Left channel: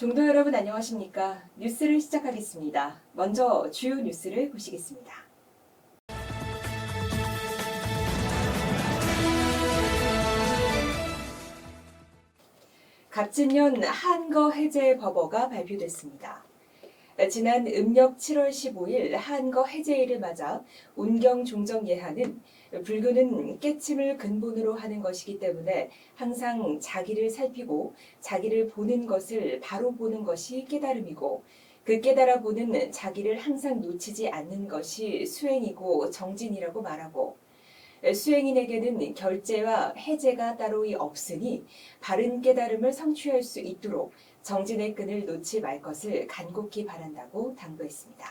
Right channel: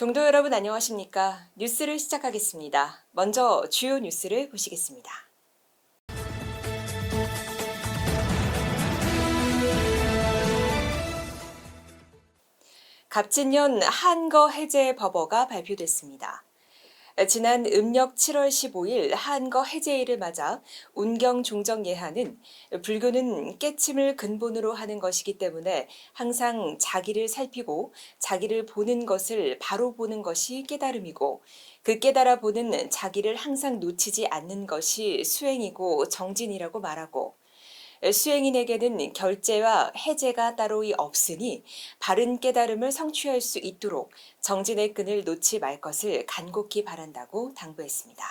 종도 여러분 안녕하십니까? 뉴스를 시작하겠습니다. 먼저 주요 뉴스를 보시겠습니다. 갑진년 한거 해제 법어가 발표됐습니다. 지난 음력 7월 15일 한거 해제일을 맞아 운경 종정 예하는 불교는 깨침을 근본으로 하는 것이기 때문에 항상 자기를 살피고 자기를 보는 것을 바로 보는 것이 깨달음이고 그 깨달아 보는 자기를 항상 놓치지 않는 것이 수행이고 정진이라고 말하고 수행인에게는 결제와 해제가 따로 없으니 바른 깨달음을 성취할 수 있도록 정진의 끈을 놓지 말 것을 간곡히 바란다고 당부했습니다.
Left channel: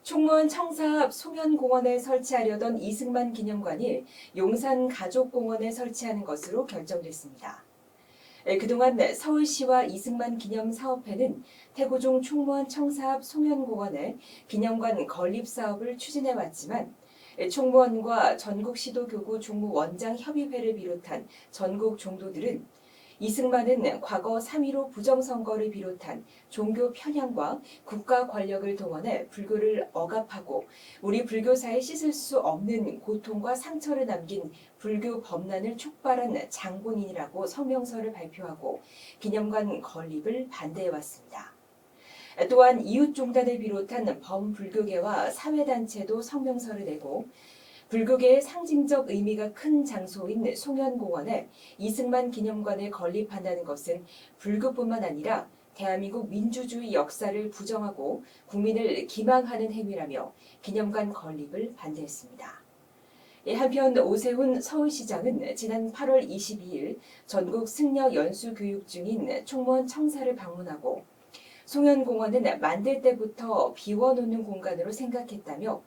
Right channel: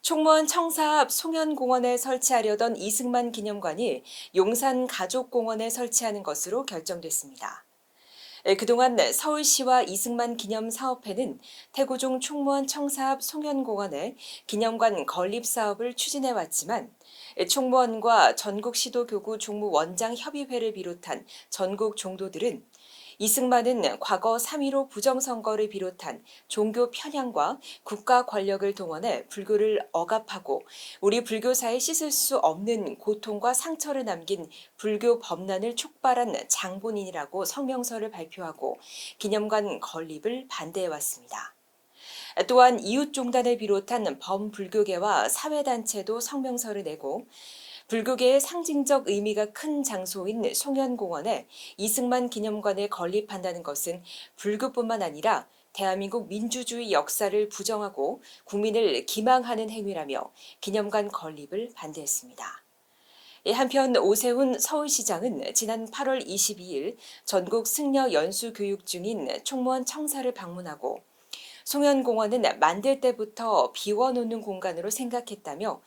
총무원 청사 앞 송현공원에 설치하려던 이승만 기념관이 용산 가족공원에 설치하는 것으로 결정됐습니다. 그동안 서울시와 이승만 기념사업회는 태고종 총무원 청사 앞 송현공원에 기념관 건립 사업을 추진해왔지만 총무원과 전국시도교구 종무원장협의회를 비롯한 전국 종도들은 이승만은 과거 3.15 부정선거를 비롯한 종교 편향과 국가 권력을 동원해 불교를 억압하고 우리 불교사에 씻을 수 없는 고통과 상처를 남긴 불교 범난을 촉발한 장본인이라고 성명서를 발표하고 기념관 건립을 반대해왔습니다. 또한 이웃종단을 비롯한 범불교계와 사회단체도 성명서를 내고 불교계의 상징적 의미가 큰 장소인 송현공원에 이승만 기념관을 건립한다는 것은 불교뿐만 아니라 대한민국 민주주의 역사를 부정하고 국민을 기망하는 행위라며 기념관 건립을 반대했습니다. 한편 오세훈 서울시장은 지난 8월 22일 전국 승려 연수 교육 중인 총무원 청사를 방문하고 송현공원은 만들 때부터 비워놓는 공간으로 생각했다며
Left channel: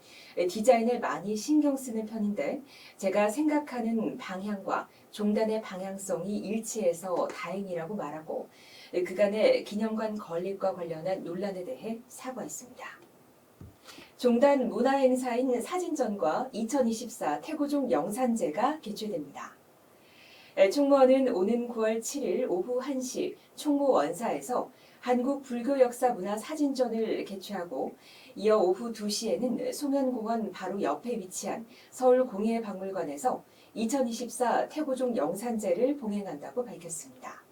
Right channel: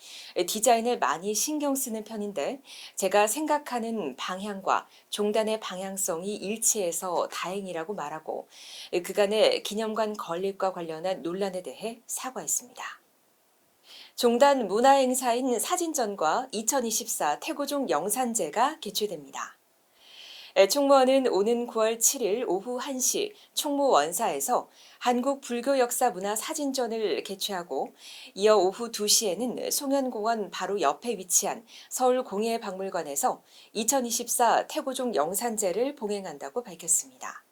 디자인을 많이 신경 쓰는 편인데 제가 생각하는 방향과 종단의 방향성이 일치해서 다행이라고 말하고 그간의 기념관 건립과 관련한 논란에 대해 사과했습니다. 종단 문화행사인 사진전과 2024 태고종 영산제가 개최됩니다. 총무원은 오는 9월 7일 오후 1시 총무원사에서 한국불교역사문화사진전을 개최하고 이어 오후 2시에는 송현공원 바로 옆에 위치한 서울공예박물관에서 2024 태고종 영산제를 봉행한다고 밝혔습니다.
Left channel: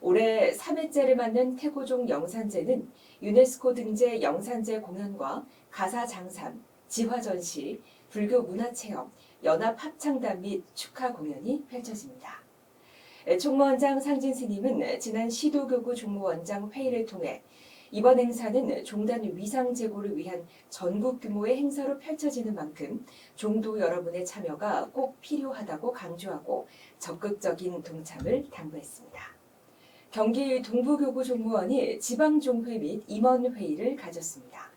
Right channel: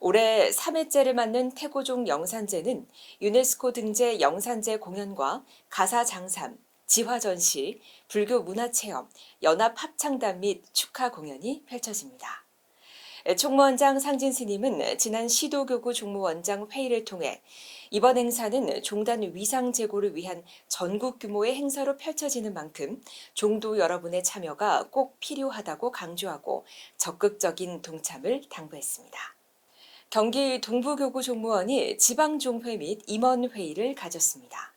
올해 3회째를 맞는 태고종 영산제는 유네스코 등재 영산제 공연과 가사장삼, 지화전시, 불교 문화체험, 연합합창단 및 축하 공연이 펼쳐집니다. 총무원장 상진 스님은 지난 시도교구 종무원장 회의를 통해 이번 행사는 종단 위상 제고를 위한 전국 규모의 행사로 펼쳐지는 만큼 종도 여러분의 참여가 꼭 필요하다고 강조하고 적극적인 동참을 당부했습니다. 경기 동부교구 종무원이 지방종회 및 임원회의를 가졌습니다.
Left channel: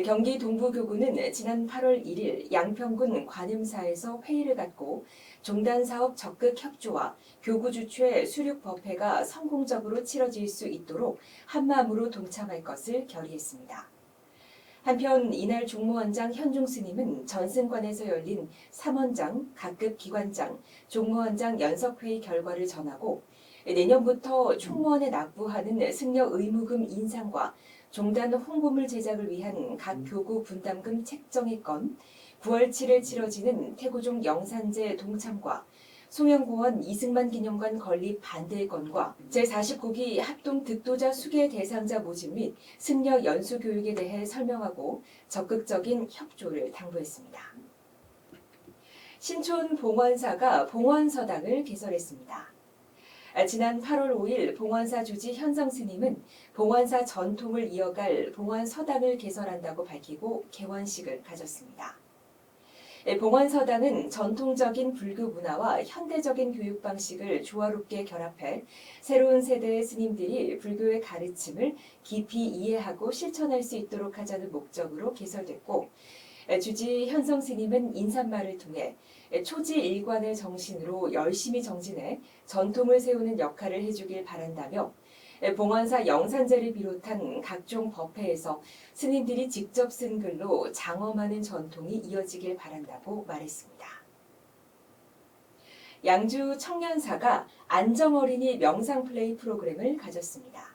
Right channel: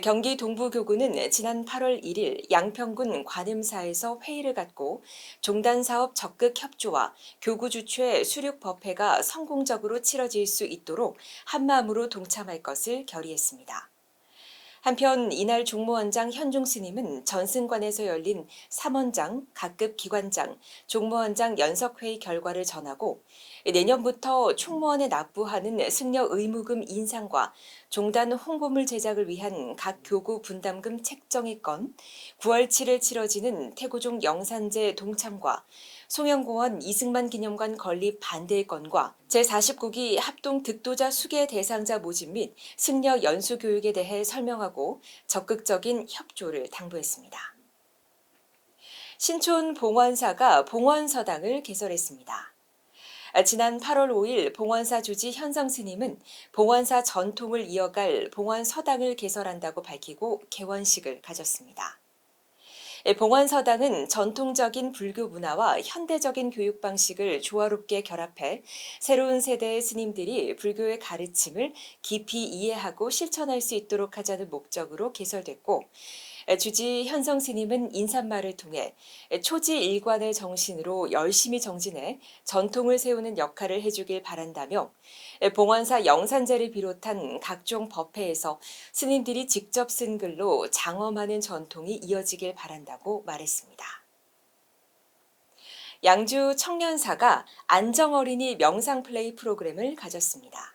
경기 동부교구는 지난 8월 1일 양평군 관음사에서 회의를 갖고 종단사업 적극 협조와 교구 주최 수륙법회가 성공적으로 치러질 수 있도록 한마음으로 동참할 것을 결의했습니다. 한편 이날 종무원장 현중 스님은 전승관에서 열린 3원장, 각급 기관장, 종무원장 연석회의 결과를 전하고 내년부터 총무원에 납부하는 승려 의무금 인상과 종단 홍보물 제작을 위한 각 교구 분담금 책정의 건, 9월 7일 치러지는 태고종 영산제 동참과 송현공원 이승만 기념관 건립 반대의 건과 제49기 합동 득도자 수계 대상자 모집 및 승려 연수 교육에 대해 설명하고 적극적인 협조를 당부했습니다. 신촌 봉원사가 봉원서당을 개설했습니다. 지난 8월 5일 봉원사 주지 현성 스님은 봉원사 전통을 이어갈 봉원서당을 개설한다고 밝히고 개원식을 가졌습니다. 봉원서당은 전통적인 불교 문화와 현대적인 교육 방식을 조화롭게 결합해 새로운 세대의 스님들이 불교의 가르침을 깊이 이해하고 실천할 수 있도록 하자는 목적으로 개설됐고 주지 현성 스님은 인사말을 통해 초지일관의 정신으로 열심히 정진해 전통을 세우는 역할을 해주길 바란다며 봉원사 영산제를 비롯한 각종 법회에서 스님들이 직접 쓴 글로 장엄하는 전통이 이어지길 바란다고 말했습니다. 양주 청년사가 안정어린이 명상플레이 프로그램을 가졌습니다.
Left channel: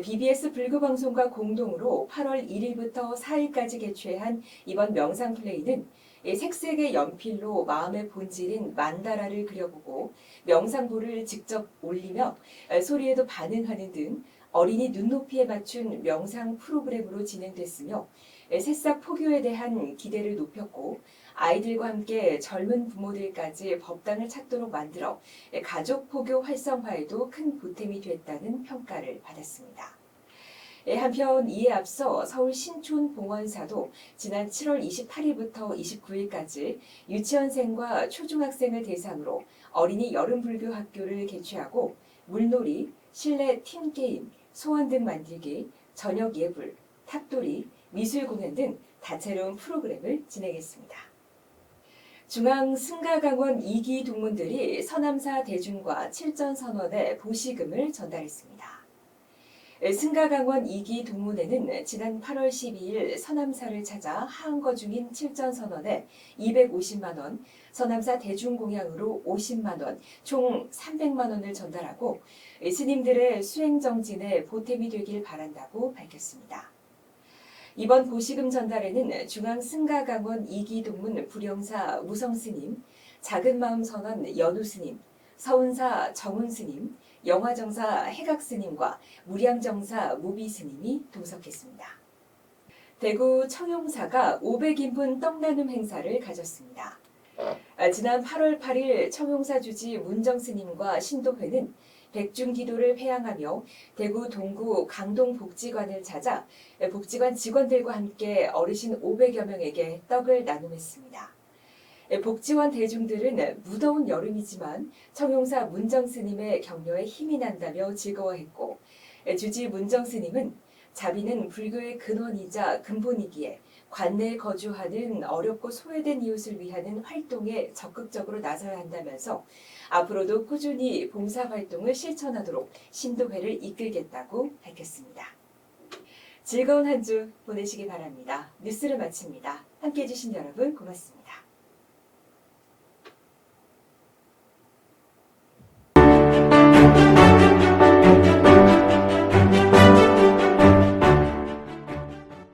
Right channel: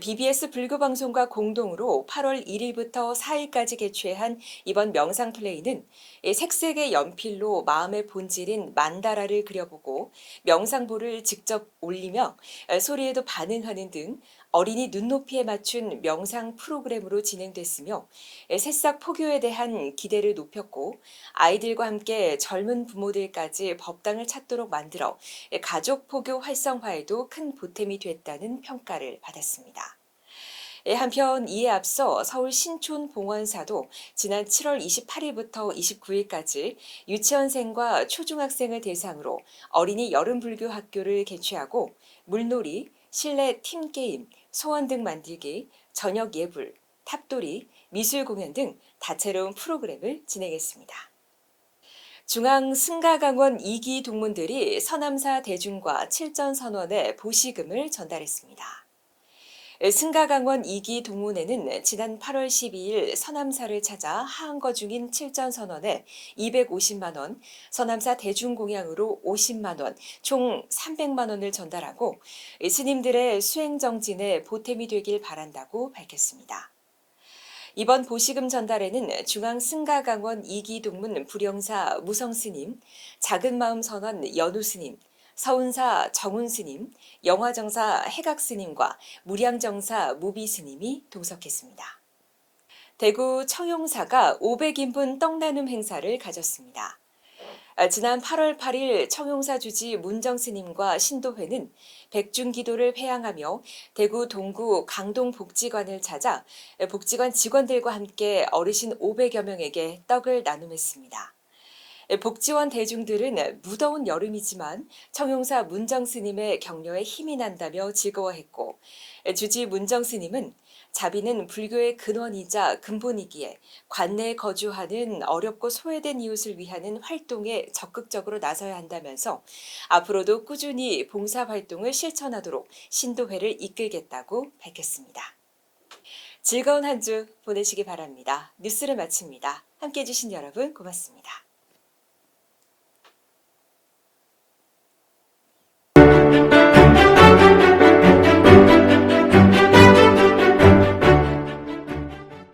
BBS 불교방송과 공동으로 8월 1일부터 4일까지 개최한 이번 명상플레이는 색색의 연필로 마음의 본질인 만다라를 그려보고 명상보를 직접 올리며 소리에도 반응하는 등 어린이 눈높이에 맞춘 명상 프로그램으로 진행됐으며 새싹 포교에 대한 기대를 높였고 아이들과 함께 젊은 부모들까지 법당을 찾도록 만들어 가족 포교 활성화에도 큰 보탬이 됐다는 평가를 받았습니다. 한편 이에 앞서 서울 신촌봉원사도 지난 7월 28일부터 29일까지 유치원생과 초중학생을 대상으로 어린이 여름불교 학교를 개최하고 물놀이, 실내 팀게임, 소원등 만들기, 저녁 예불, 탑돌이, 미술 공연 등 다채로운 프로그램을 진행했습니다. 중앙 승가강원 2기 동문들이 서남사 대중과 칠전선원에 보시금을 전달했습니다. 승가강원 2기 동문회는 지난 8월 12일 서남사를 찾아 하한거 중인 칠전선원에 250만 원, 서남사 대중공양으로 50만 원, 총 300만 원을 전달하고 스님들의 수행정진에 보탬이 되길 바란다고 밝혔습니다. 이번 보시금 전달에는 중앙 승가강원 2기 동문 불영사 무성스님, 작은마음선원 연우스님, 서운사 정운스님, 영화정사 해각스님과 무량정사 무비스님이 동석했습니다. 대구 청용사가 500인분 떡나눔 행사를 가졌습니다. 지난 8월 8일 청용사 주지 문정스님과 신도회는 백중기도를 회양하며 대구 동구 강동복지관을 찾아 복지관 직원들과 함께 어르신 500여 명에게 떡을 나눔했습니다. 복지원 대중들은 무더운 여름이지만 청용사 문정스님의 격려에 힘이 난다며 즐거워했고 주지 문정스님은 자비는 불교의 근원이자 근본이기에 관내에 거주하는 어렵고 소외된 이웃을 위하는 활동에 적극적으로 나서야 한다면서 앞으로도 꾸준히 봉사활동을 실천하도록 신도회를 이끌겠다고 밝혔습니다. 즐거운 한 주 보내시기 바랍니다. 뉴스를 마칩니다. 함께해 주신 여러분 고맙습니다.